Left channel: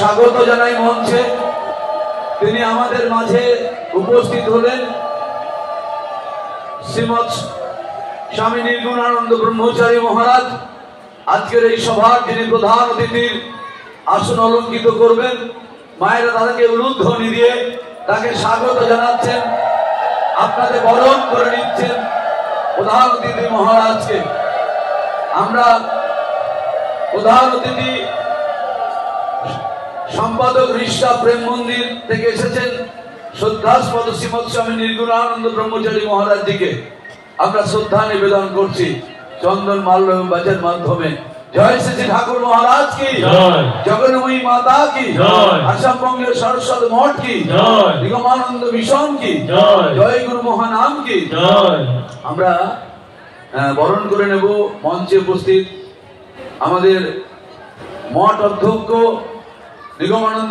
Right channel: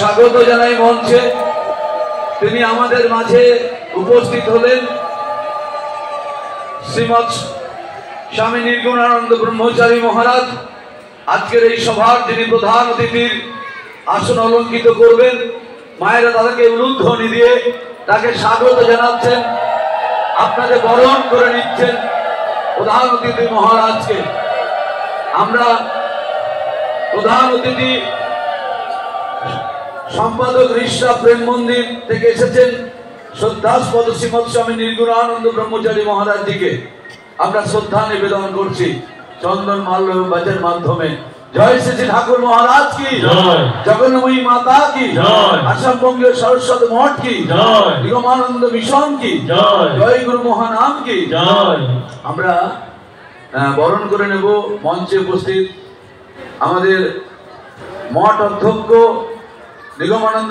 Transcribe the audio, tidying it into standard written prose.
স্বাগত জানাই মঞ্চে। তিনি আমাদের মাঝে উপস্থিত হলেন শ্রীমৎ স্বামী নির্গুণানন্দ ব্রহ্মচারী মহারাজ। আজকের এই সভার যিনি প্রধান অতিথির আসন অলঙ্কিত করবেন, মায়েরা তাদেরকে উলুধ্বনি দিয়ে তাকে স্বাগত জানাচ্ছেন, আপনাদের বরণ করে নিচ্ছেন প্রধান অতিথি মহারাজকে। আমরা প্রধান অতিথি সম্পাদক ঋষা প্রেম মন্দির থেকে এসেছেন শ্রদ্ধাস্পদ শ্রীমৎ স্বামী নির্গুণানন্দ ব্রহ্মচারী মহারাজজিকে আমরা শ্রদ্ধা নিবেদন করছি চন্দন মাল্য বাজের মাধ্যমে। জয় শ্রী ঠাকুর মহারাজ কি, জগন্ময়ী মাতা কি, আসামবঙ্গের সরস্বতী মঠ কি, নিগমানন্দ মিশন কি, জয় গুরু মহানাম কি। আমরা বরণ করে নেব মঞ্চে উপস্থিত আমাদের মঠ অধ্যক্ষ নিগমানন্দ